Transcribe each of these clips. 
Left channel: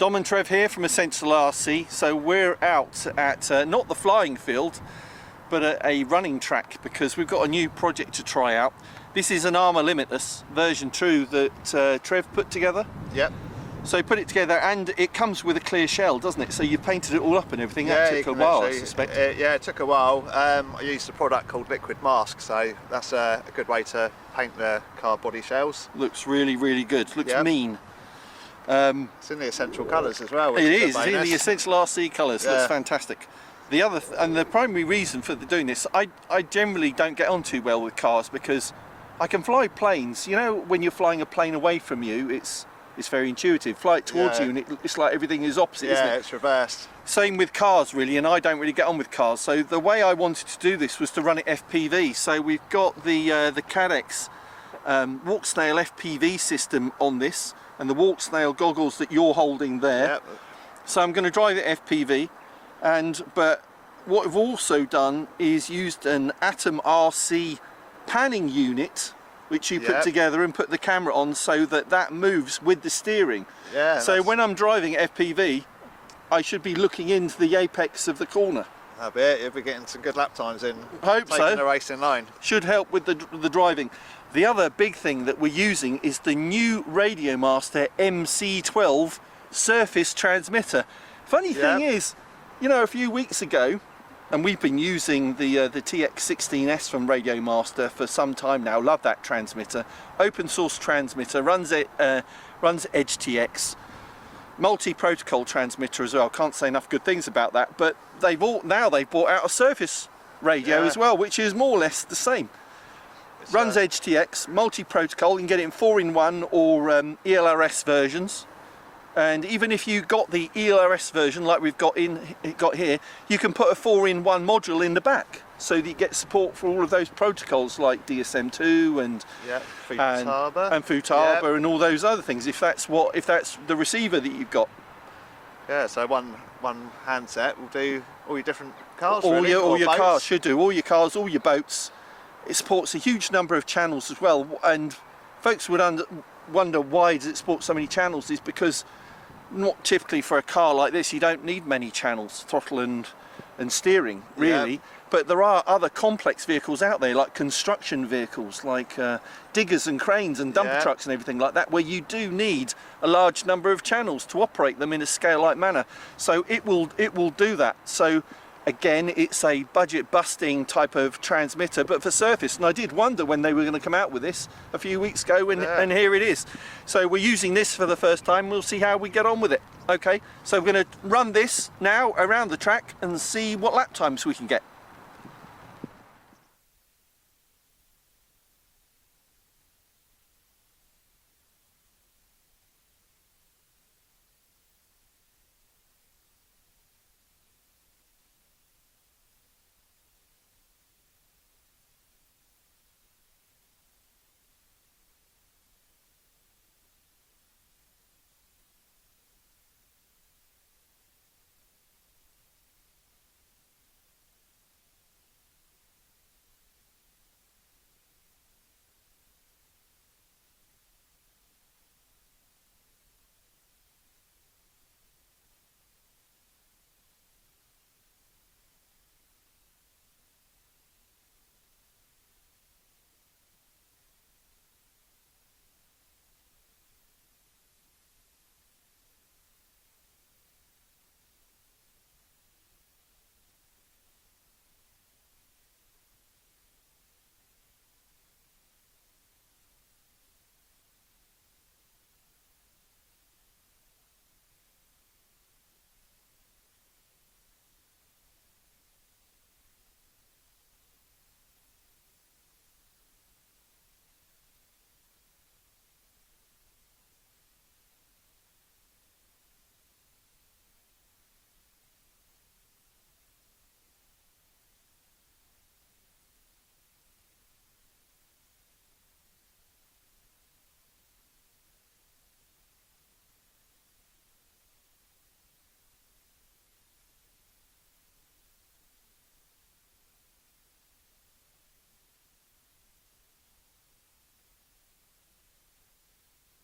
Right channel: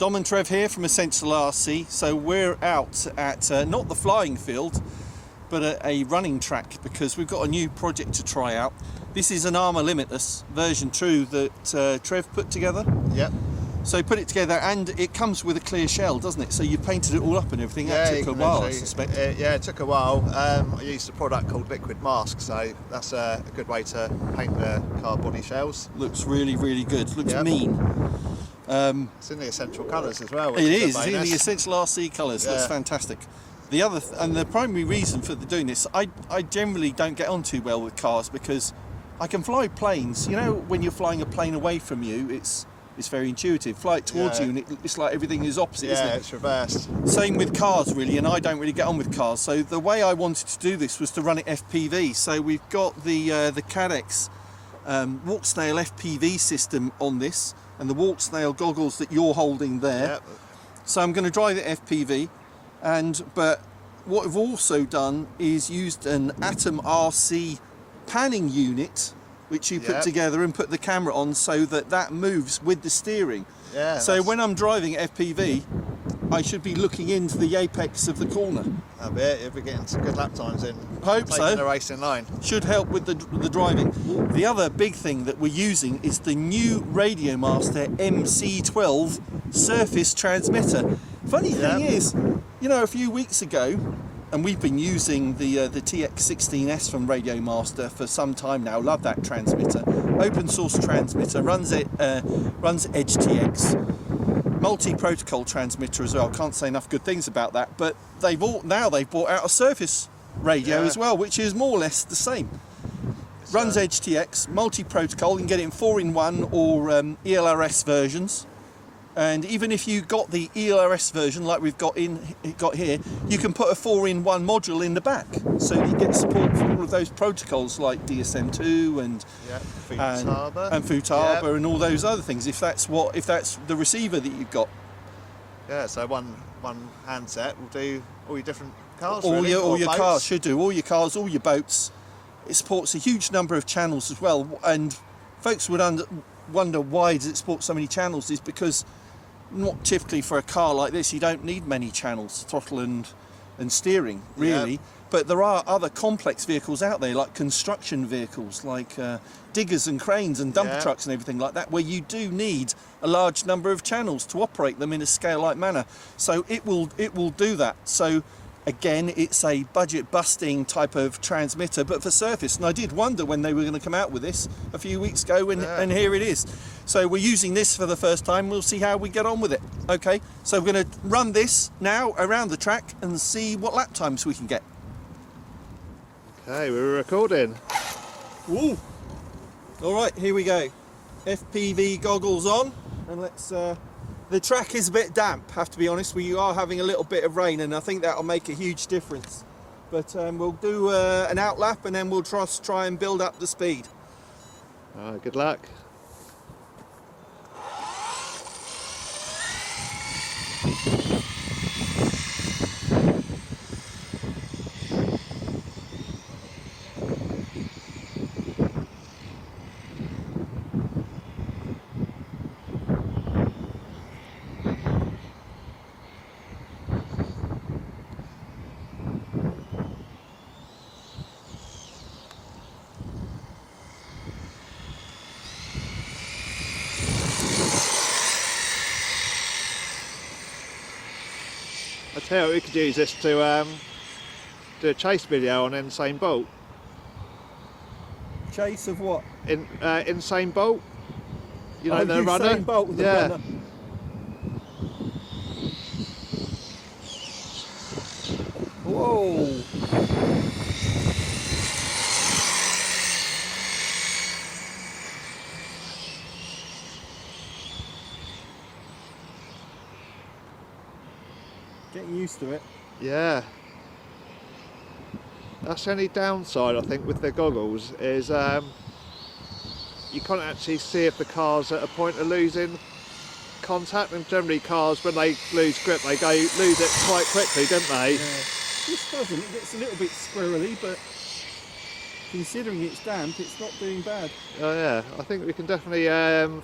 Dom and Trev here from Essential RC. So we're out at not the flying field, but a running track, because we've got a new project to try out. This is an Arrma Limitless version 2 that Trev put together. Yep. So he put it together, and it comes with a clear shell, doesn't it? So you painted it all up and everything. Yeah, That took a while, I suspect. Yeah, it took a while. I used a product called liquid mask, so that's a good way to paint the car body shells. Looks really, really good. Looks mean. It's in the essential colours as well. It is. It's in the Essential RC colours. Yeah. Looks fantastic. The other and the primary reason for doing this, I generally don't get on too well with cars because I can fly planes. You know, when you're flying a plane away from you, it's very intuitive. Fly it towards you, and it's like everything is opposite, isn't it? Yeah, it's reversed. Same with cars, really, and I don't really get on with cars. So the way I wanted to do this was to run it FPV. So we've got the Cadex walk snail FPV system on this, and the walk snail goggles that you're holding there. Yep. So I'm going to drive it FPV, but what we've also done is used an Atom RC panning unit, which you put together and put the camera on so that moves with the steering. Yeah. So when I'm driving FPV, I should be looking into the apex of the corner. That'll be it. You'll be getting some good lap times in. Hope so. Taking the racing line. Should help with the driving. The other big thing that we're using is the new Radio Master MC12 surface transmitter. Funny thing is, you know, a few weeks ago, and we've been using the TX16S from Radio Master for some time now. Love that transmitter. Open source transmitter, runs EdgeTX. Multi-protocol transmitter as well. Can't say enough good things about that. But now they've brought out a surface radio as well, which is more or less the same. Runs EdgeTX, multi-protocol. You can get it in 4-in-1 or ELRS versions. And even if you got the ELRS version like we've got here, you can put a 4-in-1 module in the back, so that you get support for all of those protocols like DSM2 and Futaba and all those other things. If that's the receiver that you've got. Yeah. So one handset will do all your different cars. All really, your cars should do. All your cars, all your boats. It supports a huge number of channels as well. And folks would wonder why does it support so many channels? Is because not typically for a car like this you don't need many channels, throttle and steering really, but there are other complex vehicles out there, like construction vehicles, like diggers and cranes and dumper trucks and everything like that, where you do need a large number of channels to operate them in a scale-like manner. So it will do that. So again, it's a budget-busting type of transmitter, but for surface. And I did wonder when they were going to come out with this a few weeks ago, and here it is. So we're using this for the first time. We'll see how we get on with it. Okay, so we're going to run this now around the track and see what lap times we can get. Okay, we're recording. Woo! All right, here we go. FPV goggles on, and let's... The track is a bit damp, have to be honest. We are having a little bit of rain, and I think that'll make a huge difference. But we'll do an outlap, and then we'll try and build up the speed. Good luck. I tell you, we could use this to do a chase video on Insane Bolt. Chase of what? Insane Bolt. You know, the runner. Insane Bolt, the runner. Whoa! Getting used to it. Yeah. That's the only downside, I think, with the goggles is you can't actually see if the car's at a point of losing contact, and generally cars, when they lose grip, they lose it quite quickly, don't they? Yeah. This doesn't. It gets a little bit squirrely, but considering it's damp, it's not doing bad. Oh yeah, I think we can definitely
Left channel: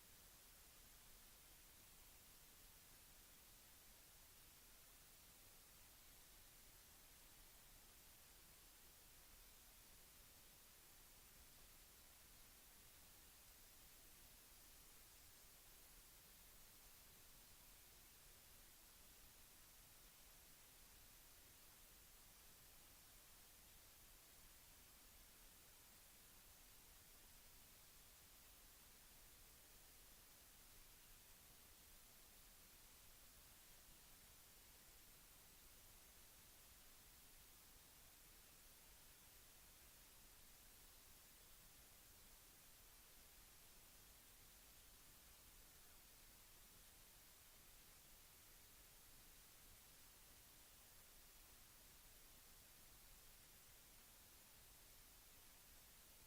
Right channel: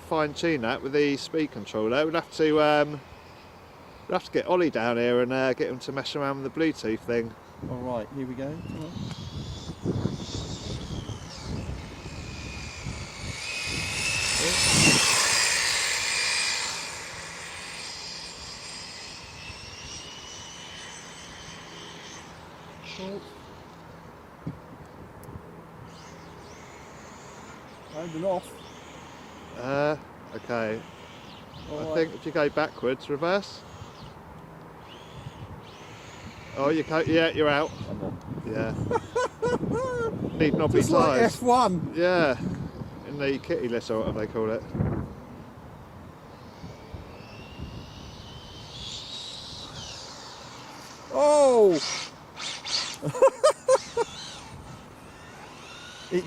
fine tune that with the speed controller. We'd have to We'll have to get Ollie down here and get him to mess around with the Bluetooth thing. All right, here we go. Come on. And off. Okay. All I right. think if you go backwards, reverse. Oh, yeah, you're out. Come on. Yeah. Need knobby Just like tyres. F1. Yeah. In the kitty list or whatever they call it. Oh! You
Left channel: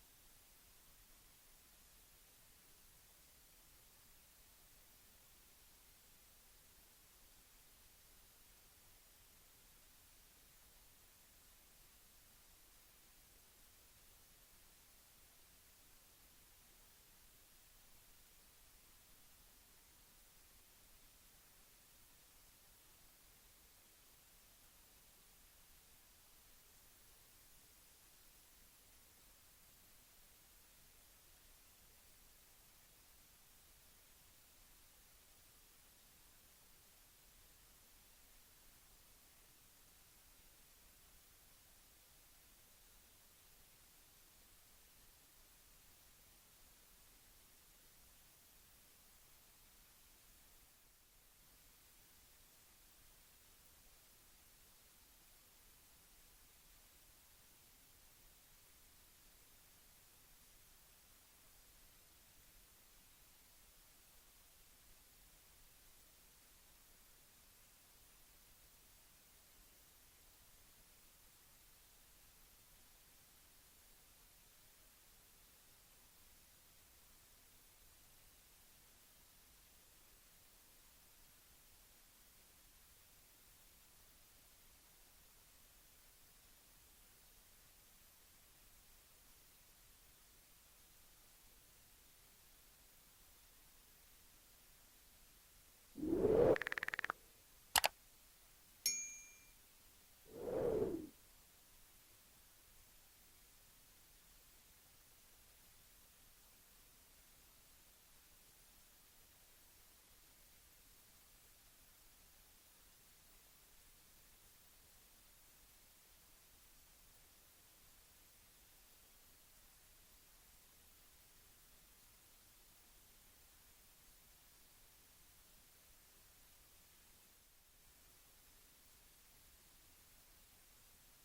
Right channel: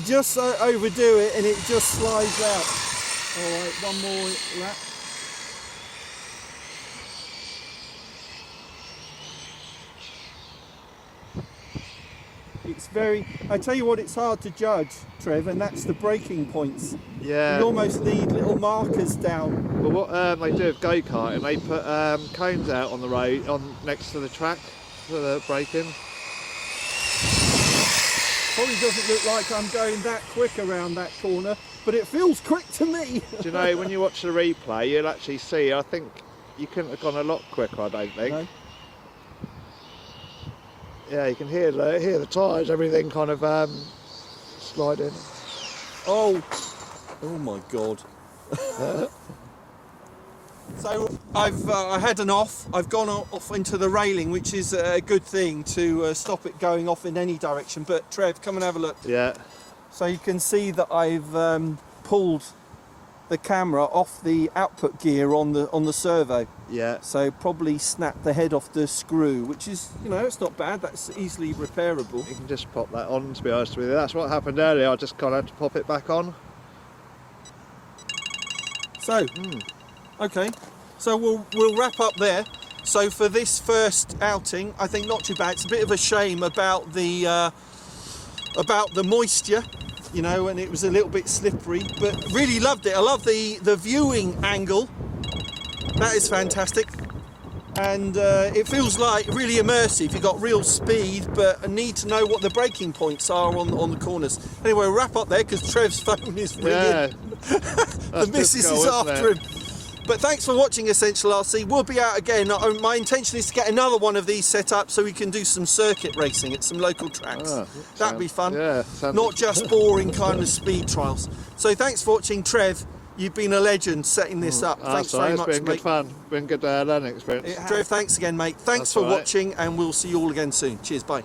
just overdo it and it just slides out. All right, one more lap. It's I tell you what, it's hard to judge, Trev, and that's the braking points. Yeah. You almost need little markers down. Well, what they do with go-karting, they put cones out on the road, next to the track for the braking. Probably doesn't look like I'm going that quick around that corner, but it feels quick to me. Do you know, when you watch the replay, you'll actually see, I think you couldn't have gone a lot quicker, I don't think. No. Yeah, you can hear the tyres, everything kind of sliding. Oh my God. So I had an off. I've gone off into the railing, which is a good thing to stop it going off in any direction. But Trev, come and have a look. Yeah. So you can see that I've pulled the camera off the output gear on the servo. Yeah. So probably snapped the head off the screw, which is, it's not bad. That's easily repairable. You can just pop that on, to be honest with you. That's what happened earlier. I just kind of had to pop it back on. So, okay. So we'll wrap up there. So for this first outing, I think not too bad. It's a bit of a shame about the moisture, and it was a little bit slippery, but really loved it. I love the viewing angle. That is fantastic. And it feels like really immersive. You've got real speed, but I need to know what the braking points are on the corners. Anyway, we'll wrap up there because Trev's phone is ringing. Yeah. The missus is after him. But thanks for watching Essential RC. We'll be out again. My intention is to get another one of these set up so we can do some circuit racing at some local tracks. That'd be fun. Yeah. Not just boring kind of speed trials. So thanks for watching, Trev. You've been a legend setting this up. Thanks very much, It's been mate. good fun. Been good learning experience. Trev, thanks again, mate. Thanks for watching, and we'll see you all again soon. Cheers, bye.